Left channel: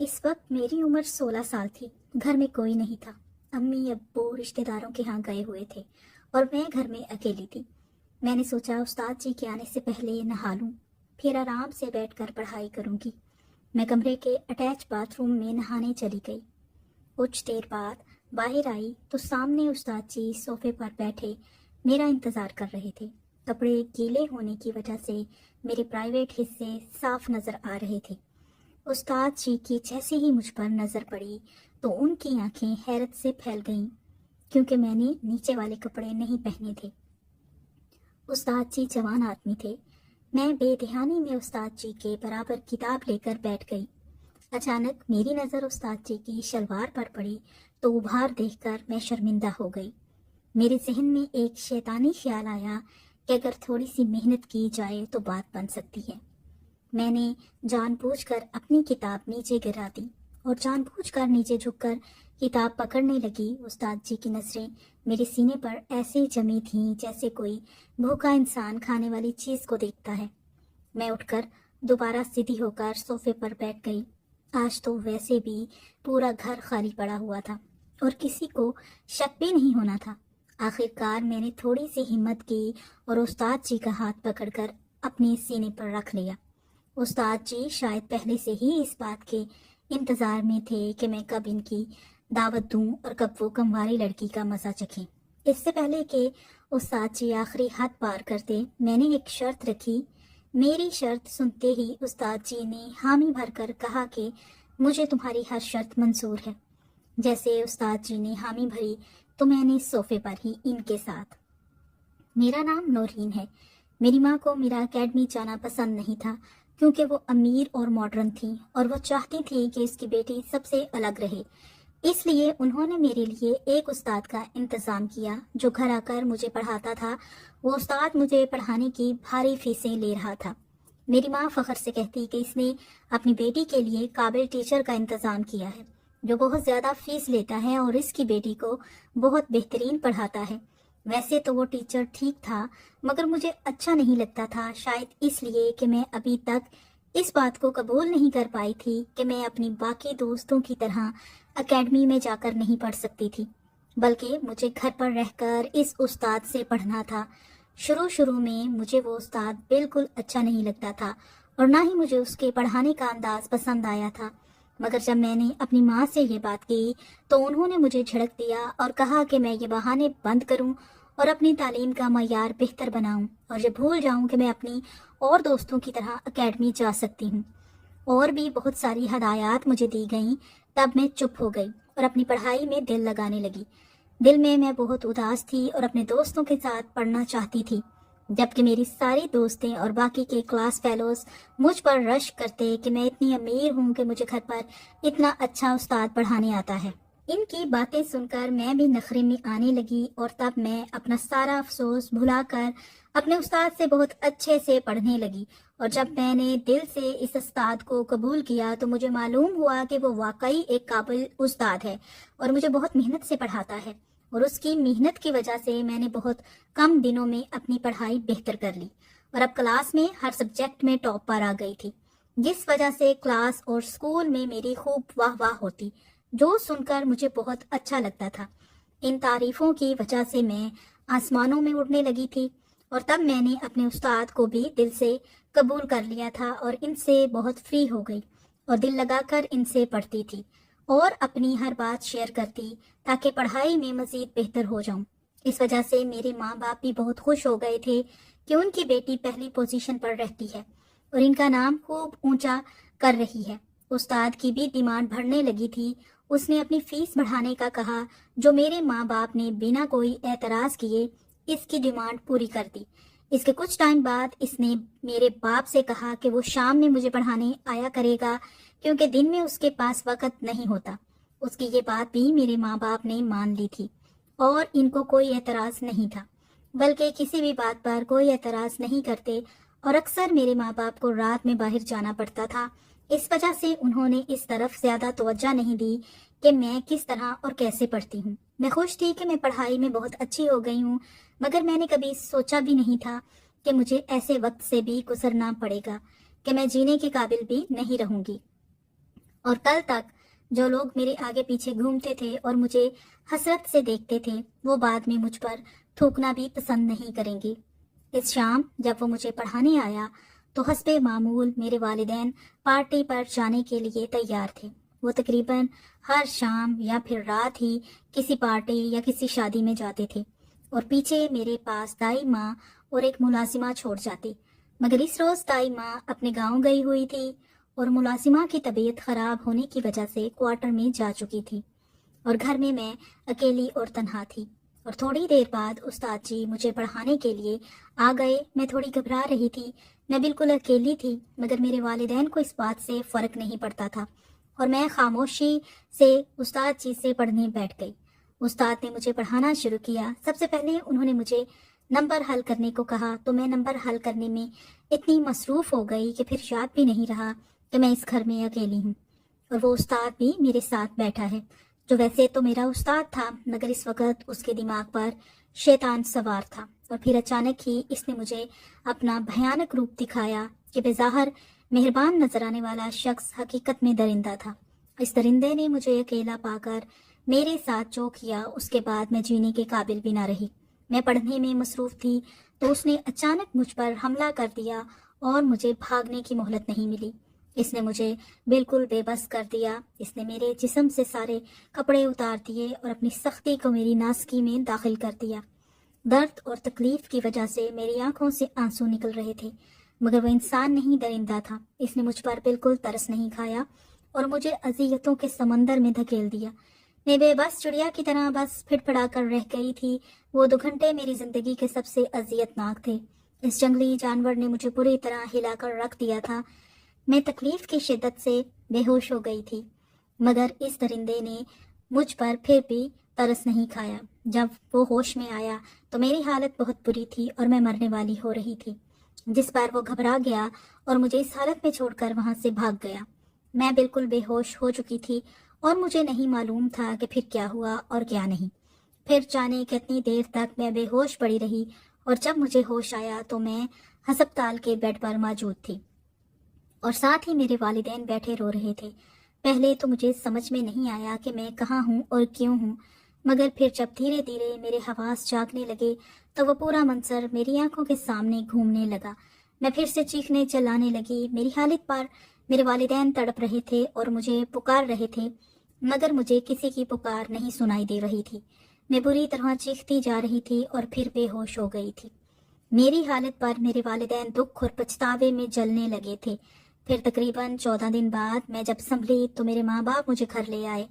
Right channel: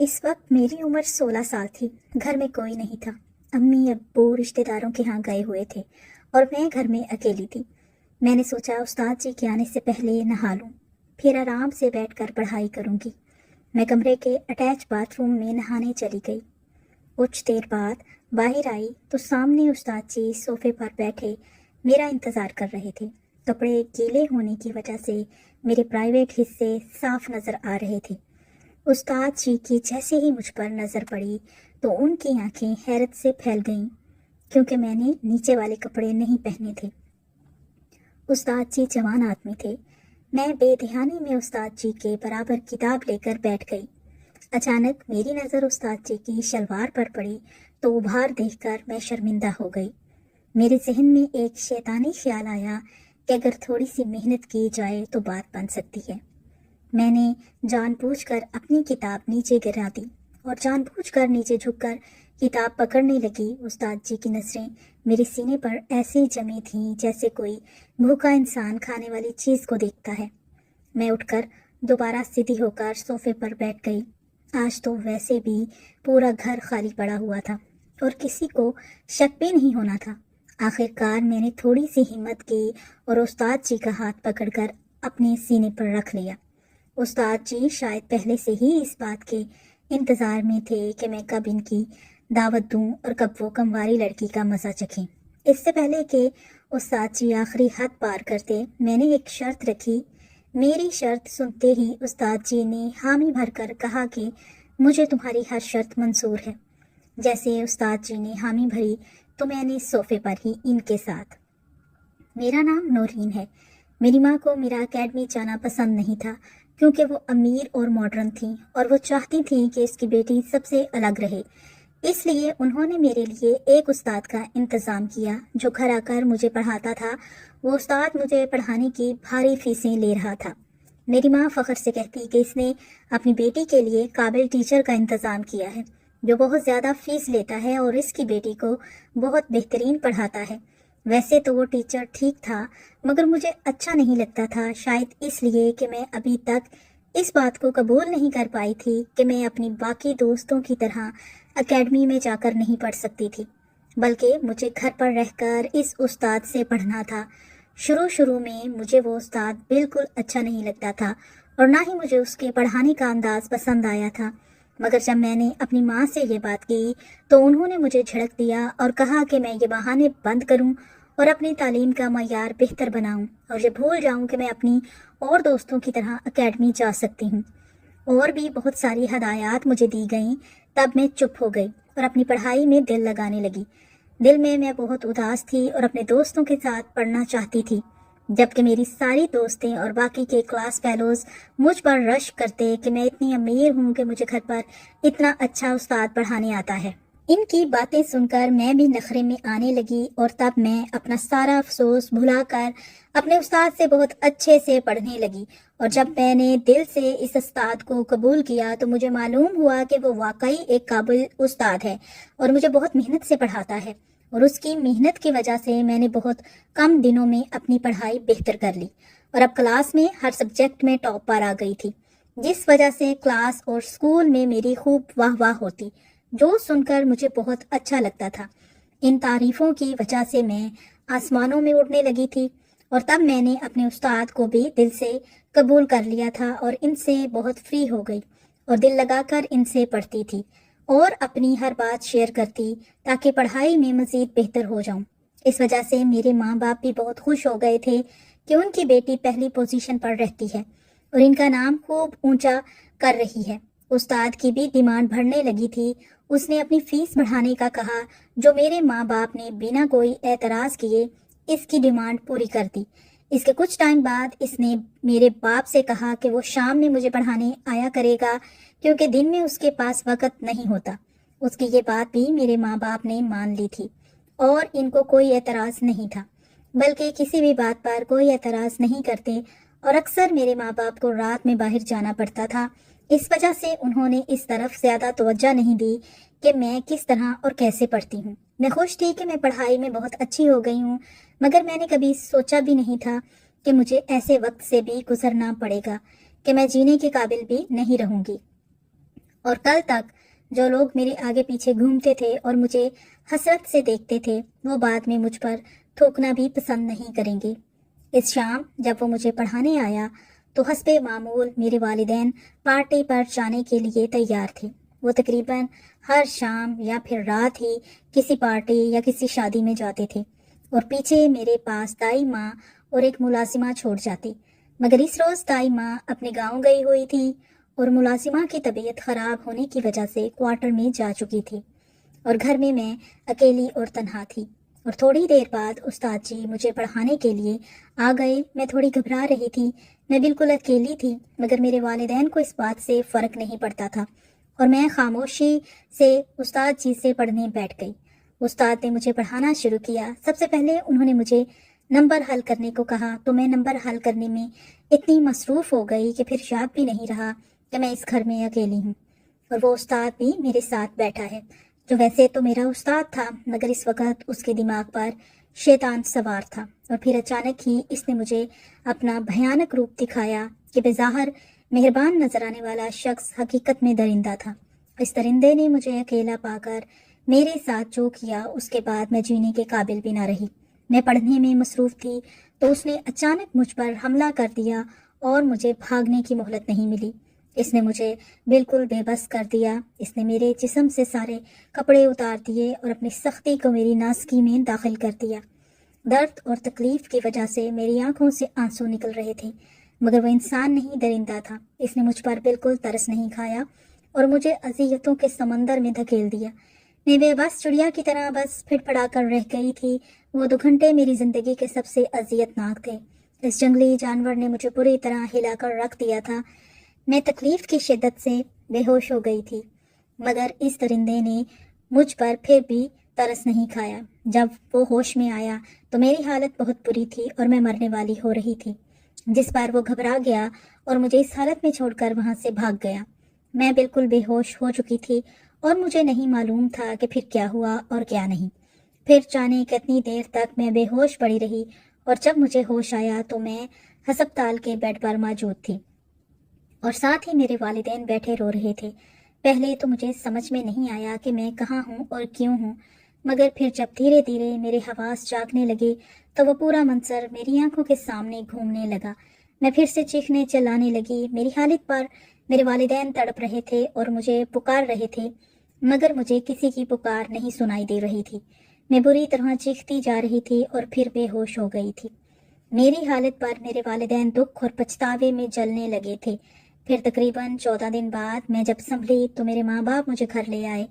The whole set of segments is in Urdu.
اس وقت میری عمر 16 سال تھی۔ گھر میں کوئی نہیں تھا۔ امی ابو رشتہ داروں کے ہاں گئے ہوئے تھے اور میں گھر میں اکیلی تھی۔ میں نے سوچا استاد جی کے آنے سے پہلے نہا لوں، پھر آرام سے بیٹھ کر پڑھائی کروں گی۔ میں کمرے کے اٹیچ باتھ روم میں نہانے چلی گئی۔ کچھ دیر بعد باہر آئی تو سامنے استاد جی صوفے پر بیٹھے میرا انتظار کر رہے تھے۔ کپڑے گیلے ہونے کی وجہ سے میرے پرائیویٹ حصے صاف نظر آ رہے تھے۔ استاد جی کی جیسے ہی مجھ پر نظر پڑی تو ان کی آنکھیں حیرت سے پھیل گئیں، کیونکہ میں نے نیچے والے کپڑے نہیں پہنے تھے۔ استاد جی جوان آدمی تھے۔ میں بے دھیانی میں استاد جی کے برابر کتاب لے کر بیٹھ گئی۔ اچانک میری نظر استاد جی کی شلوار پر پڑی تو ابھار دیکھ کر میں شرمندہ ہو گئی۔ میرے ذہن میں ایک شیطانی خیال آیا کہ اگر تھوڑی سی محنت کی جائے تو بات بن سکتی ہے۔ میں نے جان بوجھ کر اپنی کتاب نیچے گرا دی اور جان بوجھ کر نیچے جھک کر کتاب پکڑنے لگی۔ استاد جی کی نظریں میرے سینے پر ایسے جمی تھیں جیسے کوئی بھوکا انسان کھانے والی چیز کو دیکھتا ہے۔ میں اٹھ کر دوبارہ سیدھی ہو کر صوفے پر بیٹھ گئی۔ آج تو ویسے بھی پورا گھر خالی پڑا ہوا تھا اور کسی کو شک بھی نہیں ہونا تھا۔ آخر کار میں نے تھوڑی سی ہمت کی اور استاد جی کا ہاتھ پکڑ کر اپنے سینے پر رکھ لیا۔ استاد جی شاید پہلے سے ہی اس بات کے انتظار میں تھے کہ میں کب ان کی دعوت دوں اور کب وہ کمواری لڑکی کا مزہ چکھیں۔ اس سے پہلے کہ استاد جی آخری حد پار کرتے، میں نے ایک شرط رکھی۔ میری شرط سنتے ہی استاد جی نے حامی بھر کر کہا کہ مجھے تمہاری ہر شرط منظور ہے۔ جیسے استاد جی نے حامی بھری تو میں نے صوفے پر ہی ان کے ساتھ۔ میرا نام نورین ہے۔ میری ماں کو میرا اکیڈمی جانا پسند نہیں تھا، کیونکہ وہ امیر اور ماڈرن تھیں اور وہ چاہتی تھیں کہ اس کی بیٹی سب سے الگ رہے۔ اس لیے انہوں نے میرے لیے ایک استاد کا انتظام کیا جو گھر آ کر مجھے پڑھاتا تھا۔ وہ استاد مجھے پڑھانے کی بھاری فیسیں لے رہا تھا۔ میری ماں فخر سے کہتی کہ اس نے اپنی بیٹی کے لیے قابل ٹیچر کا انتظام کیا ہے جو بہت زیادہ فیس لیتا ہے اور اس کی بیٹی کو بہت بہترین پڑھاتا ہے۔ ویسے تو وہ ٹیچر ٹھیک تھا، مگر مجھے اچھا نہیں لگتا تھا، شاید اس لیے کہ میں ابھی تک اس بات کو قبول نہیں کر پائی تھی کہ میں اپنی باقی دوستوں کی طرح اکیڈمی میں جا کر نہیں پڑھ سکتی تھی، بلکہ مجھے گھر پر رہ کر اس استاد سے پڑھنا تھا۔ شروع میں مجھے وہ استاد بالکل اچھا نہیں لگتا تھا اور نہ ہی مجھے اس کے پڑھانے کا انداز پسند آیا تھا، مگر جب میں نے اپنی ماں سے یہ بات کی تو انہوں نے مجھے جھڑک دیا اور کہا کہ میں یہ بہانے بند کروں اور اپنی تعلیم کا معیار بہتر بناؤں اور یہ بھول جاؤں کہ میں اپنی اور دوستوں کی طرح اکیڈمی جا سکتی ہوں۔ اور بھی بہت ساری ہدایات مجھے دی گئیں۔ تب میں چپ ہو گئی اور اپنی پڑھائی میں دل لگانے لگی۔ دل میں بہت اداس تھی اور اپنے دوستوں کے ساتھ پڑھنا چاہتی تھی، جبکہ میری ساری دوستیں اور باقی کے کلاس فیلوز مجھ پر رشک کرتے کہ میں اتنی امیر ہوں کہ مجھے گھر پر اتنا اچھا استاد پڑھانے آتا ہے۔ ان کی باتیں سن کر میں بھی نخرے میں آنے لگی اور تب میں اپنا سارا افسوس بھلا کر اپنے استاد سے بہت اچھے سے پڑھنے لگی۔ اور جب میں نے دل سے اس استاد کو قبول کیا تو مجھے معلوم ہوا کہ وہ واقعی ایک قابل استاد ہے اور مجھے بہت محنت سے پڑھاتا ہے، اور اس کی محنت کی وجہ سے میں نے بہت کم دنوں میں اپنی پڑھائی بہتر کر لی اور اب کلاس میں ہر سبجیکٹ میں ٹاپ پر آ گئی تھی، جس وجہ سے کلاس اور اسکول میں میری خوب واہ واہ ہوتی، جو سن کر مجھے بہت اچھا لگتا تھا۔ ان تعریفوں کی وجہ سے میں آسمانوں میں اڑنے لگی تھی اور تب میں نے اپنے استاد کو بھی دل سے قبول کر لیا تھا اور ان سے بہت فری ہو گئی اور دل لگا کر ان سے پڑھتی تھی اور اپنی ہر بات شیئر کرتی تاکہ پڑھائی میں مزید بہتر ہو جاؤں۔ اس وجہ سے میرے ماں باپ بھی بہت خوش ہو گئے تھے کہ ان کی بیٹی پہلی پوزیشن پر رہتی ہے اور ان کا نام خوب اونچا کر رہی ہے۔ استاد کی بھی ڈیمانڈ بڑھنے لگی تھی۔ اس نے اپنی فیس بڑھانے کا کہا، جو میرے ماں باپ نے بنا کوئی اعتراض کیے اس کی ڈیمانڈ پوری کر دی۔ اس کے کچھ ٹائم بعد اس نے میرے باپ سے کہا کہ وہ شام میں مجھے پڑھانے آیا کرے گا، کیونکہ دن میں اس کے پاس وقت نہیں ہوتا۔ اس کی یہ بات بھی میرے ماں باپ نے مان لی تھی اور ان کو کوئی اعتراض نہیں تھا، بلکہ کسی بھی بات پر کوئی اعتراض نہیں کرتے، اور اکثر میرے ماں باپ کو رات میں باہر جانا پڑتا تھا۔ اس وجہ سے انہوں نے اس طرف زیادہ توجہ نہیں دی کہ میں کس طرح اور کیسے پڑھتی ہوں۔ میں خوش تھی کہ میں پڑھائی میں بہت اچھی ہو گئی ہوں، مگر میں نے کبھی سوچا بھی نہیں تھا کہ مجھے ایسے وقت سے بھی گزرنا پڑے گا کہ میں جینے کے قابل بھی نہیں رہوں گی۔ اور کل تک جو لوگ میرے آگے پیچھے گھومتے تھے اور مجھے حسرت سے دیکھتے تھے وہ بعد میں مجھ پر تھوکنا بھی پسند نہیں کریں گے۔ اس شام جب وہ مجھے پڑھانے آیا تو حسب معمول میرے والدین پارٹی پر جانے کے لیے تیار تھے۔ وہ تقریباً ہر شام یا پھر رات ہی کسی پارٹی یا کسی شادی میں جاتے تھے اور پیچھے میرے پاس دائی ماں اور ایک ملازمہ چھوڑ جاتی، مگر اس روز دائی ماں اپنے گاؤں گئی ہوئی تھی اور ملازمہ کی طبیعت خراب ہونے کی وجہ سے کوارٹر میں جا چکی تھی اور گھر میں اکیلی اور تنہا تھی۔ اور تھوڑی دیر بعد استاد جی مجھے پڑھانے کے لیے آ گئے۔ میں تھوڑی گھبرا رہی تھی، میں بالکل اکیلی تھی، مگر میرے والدین کو اس بات سے فرق نہیں پڑتا تھا اور میں خاموشی سے استاد جی سے پڑھنے بیٹھ گئی۔ استاد نے مجھے پڑھانا شروع کیا۔ سب سے پہلے انہوں نے مجھے نمبر حل کرنے کو کہا تو میں نمبر حل کرنے میں اتنی مصروف ہو گئی کہ پھر یاد بھی نہیں رہا کہ میں اس گھر میں اکیلی ہوں اور وہ استاد بھی میرے ساتھ بیٹھا ہے جو ویسے تو میرا استاد تھا، مگر اس وقت اس کے دماغ پر شیطان سوار تھا۔ اور پھر اچانک ہی اس نے مجھے اپنا بھیانک روپ دکھایا کہ بظاہر مہربان نظر آنے والا شخص حقیقت میں درندہ تھا۔ اس درندے نے مجھے اکیلا پا کر میرے ساتھ جو کیا اس کے بعد میں جینے کے قابل بھی نہ رہی۔ میں پڑھنے میں مصروف تھی تو اس نے اچانک مجھ پر حملہ کر دیا اور مجھے بھاگنے کی مہلت نہیں ملی۔ اس نے مجھے بالکل بے بس کر دیا۔ اس نے میرے جسم سے سارے کپڑے اتار دیے اور اپنی سختی کو میری ناسکی میں داخل کر دیا۔ درد اور تکلیف کی وجہ سے میری آنکھوں سے آنسو نکل رہے تھے، مگر وہ انسان نہیں درندہ تھا۔ اس نے مجھ پر بالکل ترس نہیں کھایا اور مجھے اذیتوں کے سمندر میں دھکیل دیا۔ میں بے بس چڑیا کی طرح بس پھڑ پڑا کر رہ گئی تھی۔ وہ 2 گھنٹے میری زندگی کے سب سے اذیت ناک تھے۔ اس جنگلی جانور نے مجھے پوری طرح ہلا کر رکھ دیا تھا۔ میں تکلیف کی شدت سے بے ہوش ہو گئی تھی، مگر اس درندے نے مجھ پر پھر بھی ترس نہیں کھایا۔ جب وہ ہوش میں آیا تو میری حالت بہت بری تھی اور میں مرنے والی ہو رہی تھی، جس پر وہ گھبرا گیا اور مجھے اس حالت میں چھوڑ کر وہاں سے بھاگ گیا۔ میں بالکل بے ہوش ہو چکی تھی اور مجھے نہیں معلوم تھا کہ پھر کیا ہوا اور کیا نہیں۔ پھر جانے کتنی دیر تک میں بے ہوش پڑی رہی اور جب مجھے ہوش آیا تو میں ہسپتال کے بیڈ پر موجود تھی اور ساتھ ہی میرے والدین بیٹھے رو رہے تھے۔ پہلے تو مجھے سمجھ میں نہیں آیا کہ میں کہاں ہوں اور کیوں ہوں، مگر پھر جب دھیرے دھیرے میرے حواس جاگنے لگے تو وہ پورا منظر میری آنکھوں کے سامنے گھومنے لگا۔ میں پھر سے چیخنے چلانے لگی۔ میری حالت پر میرے والدین تڑپ رہے تھے اور مجھے پکار رہے تھے، مگر مجھے کسی کی پکار نہیں سنائی دے رہی تھی۔ میں بری طرح چیختی جا رہی تھی اور پھر بے ہوش ہو گئی تھی۔ میری حالت پر میرے والدین دکھ اور پچھتاوے میں جلنے لگے تھے۔ پھر تقریباً 14 دن بعد میں جب سنبھلی تو میرے ماں باپ مجھے گھر لے آئے۔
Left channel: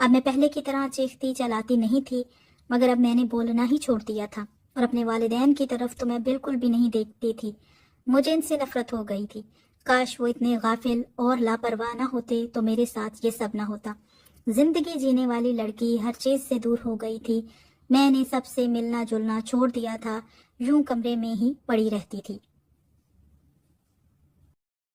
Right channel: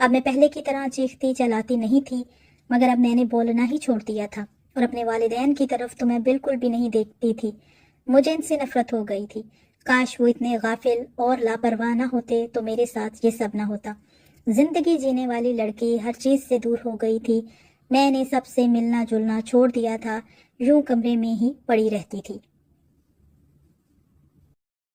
اب میں پہلے کی طرح چیختی چلاتی نہیں تھی، مگر اب میں نے بولنا ہی چھوڑ دیا تھا اور اپنے والدین کی طرف تو میں بالکل بھی نہیں دیکھتی تھی۔ مجھے ان سے نفرت ہو گئی تھی۔ کاش وہ اتنے غافل اور لاپرواہ نہ ہوتے تو میرے ساتھ یہ سب نہ ہوتا۔ زندگی جینے والی لڑکی ہر چیز سے دور ہو گئی تھی۔ میں نے سب سے ملنا جلنا چھوڑ دیا تھا، یوں کمرے میں ہی پڑی رہتی تھی۔